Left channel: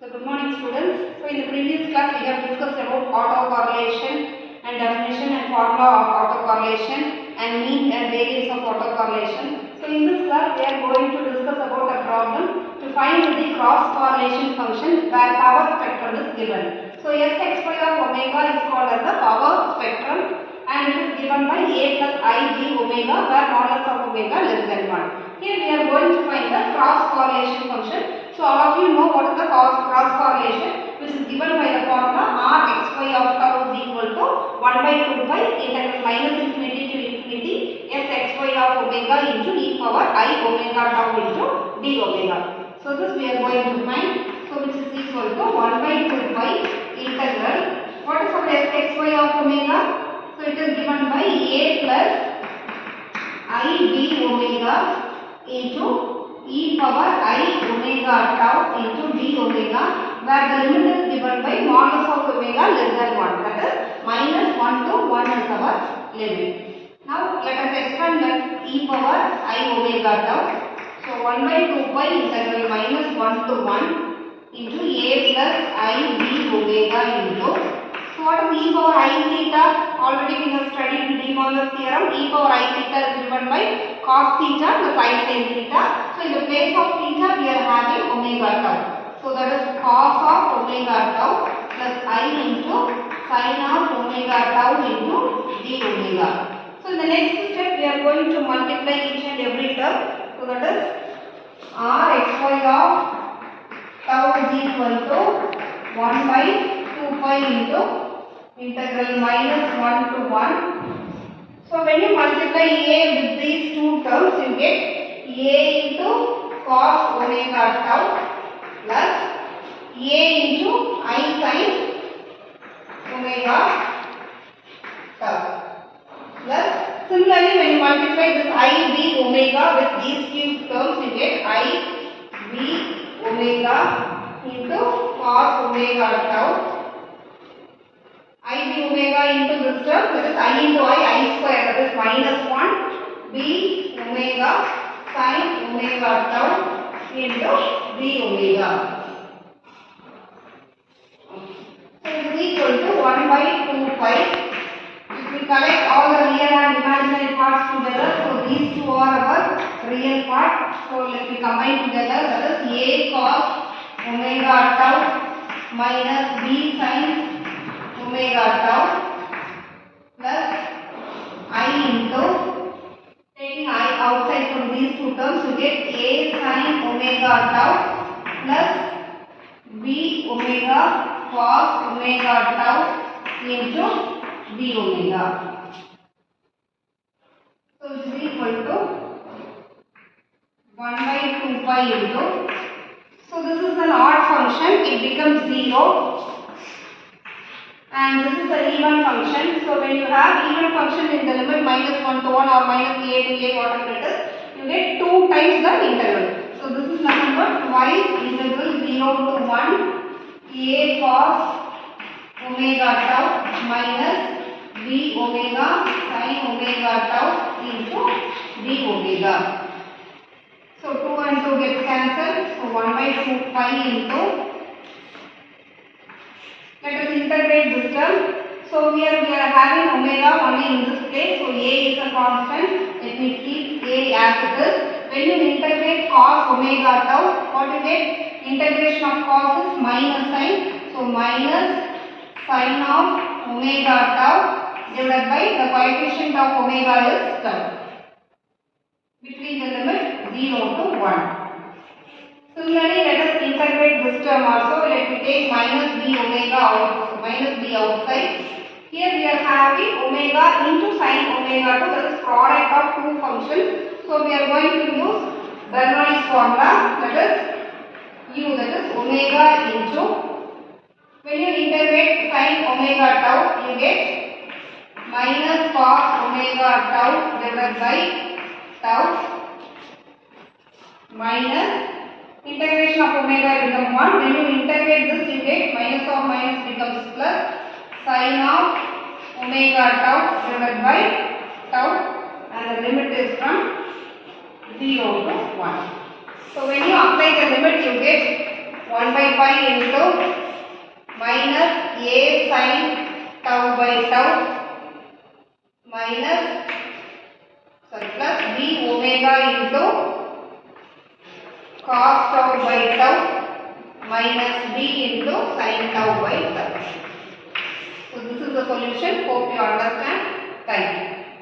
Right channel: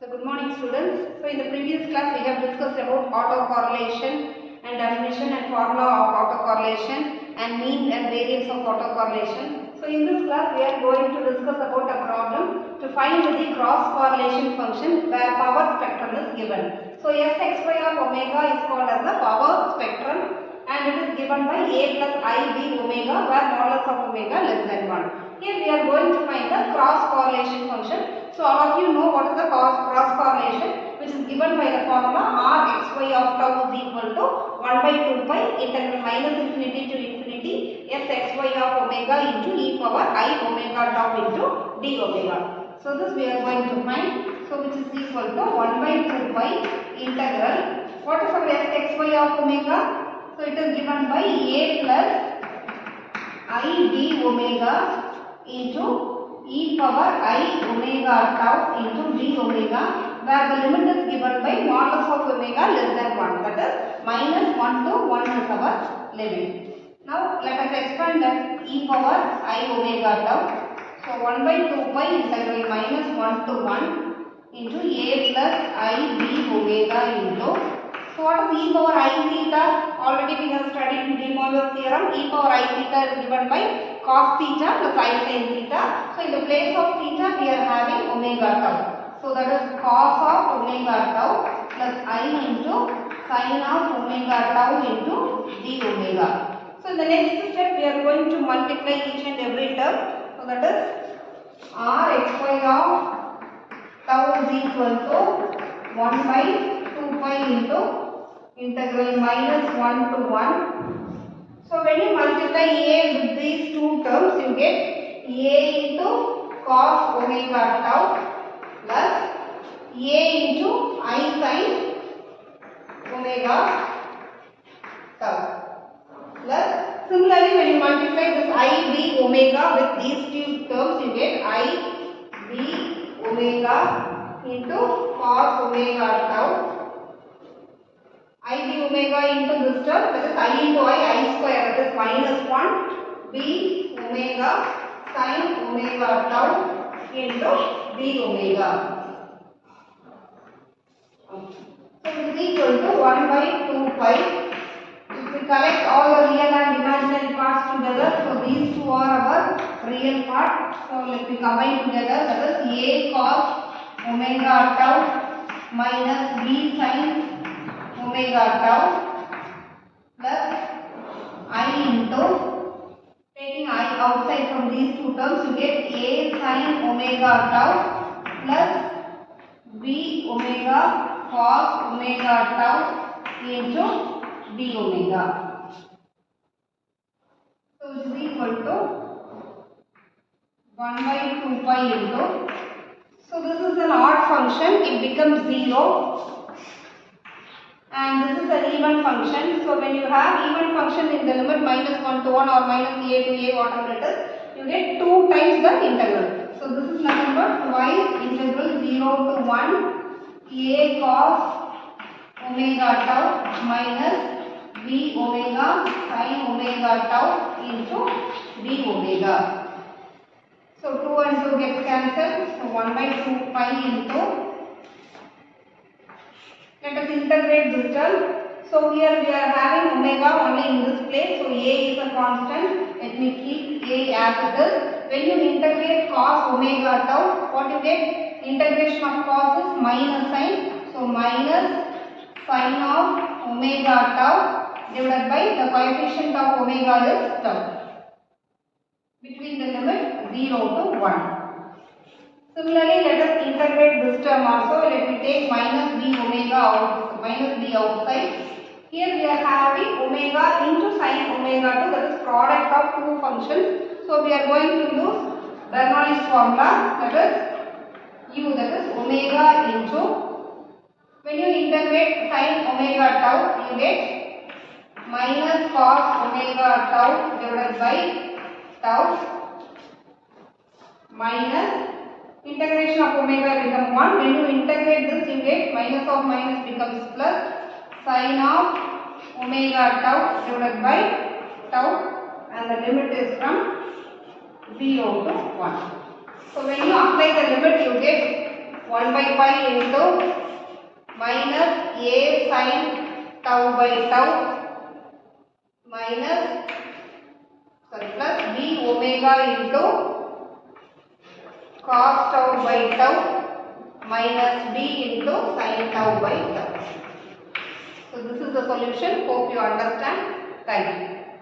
So good morning students. So in the previous class we have discussed about autocorrelation and definition and formula of autocorrelation and means and variance of autocorrelation. So in this class we are going to discuss about a problem to find the cross correlation function where power spectrum is given. So Sxy of omega is called as the power spectrum and it is given by a plus I b omega where modulus of omega less than 1. Here we are going to find the cross correlation function. So all of you know what is the cross correlation, which is given by the formula r xy of tau is equal to 1 by 2 pi integral minus infinity to infinity s xy of omega into e power I omega tau into d omega. So this we are going to find. So which is equal to 1 by 2 pi integral. What is the s xy of omega? So it is given by a plus I b omega into e power I omega tau into d omega, where the limit is given by modulus of omega less than 1, that is minus 1 to 1 is our limit. Now let us expand that e power I omega tau. So 1 by 2 pi integral minus 1 to 1 into a plus I b omega into, so what is e power I theta? Already we have studied in De Morgan's theorem. E power I theta is given by cos theta plus I sin theta. So in the place of theta we are having omega tau. So that is cos of omega tau plus I into sin of omega tau into d omega. So in the next step we are going to multiply each and every term. So that is r xy of tau is equal to 1 by 2 pi into integral minus 1 to 1. So when you multiply a with these two terms, you get a into cos omega tau plus a into I sin omega tau plus, similarly when you multiply this I b omega with these two terms, you get I b omega into cos omega tau, I b omega into this term, that is I into I square, that is minus 1 b omega sin omega tau into d omega. So it is equal to 1 by 2 pi. If we collect all the real and imaginary parts together, so these two are our real part. So let me combine together, that is a cos omega tau minus b sin omega tau plus I into, taking I outside from these two terms, you get a sin omega tau plus b omega cos omega tau into d omega. So it is equal to 1 by 2 pi into, so this is an odd function, it becomes 0. And this is an even function. So when you have even function in the limit minus 1 to 1 or minus a to a, whatever it is, you get 2 times the integral. So this is nothing but twice integral 0 to 1 a cos omega tau minus b omega sin omega tau into d omega. So 2 and 2 gets cancelled. So 1 by 2 pi into, let us integrate this term. So here we are having omega only in this place. So a is a constant. Let me keep a as it is. When you integrate cos omega tau, what you get? Integration of cos is minus sign. So minus sin of omega tau divided by the coefficient of omega is 12. Between the limit 0 to 1. Similarly, let us integrate this term also. Let me take minus b omega out, minus b outside. Here we are having omega into sin omega tau, that is product of two functions. So we are going to use Bernoulli's formula, that is u, that is omega into, when you integrate sin omega tau, you get minus cos omega tau divided by tau minus integration of omega becomes 1. When you integrate this, you get minus of minus becomes plus sin of omega tau divided by tau, and the limit is from 0 to 1. So when you apply the limit, you get 1 by pi into minus a sin tau by tau minus plus b omega into cos tau by tau minus b into sin tau by tau. So this is the solution. Hope you understand. Thank you.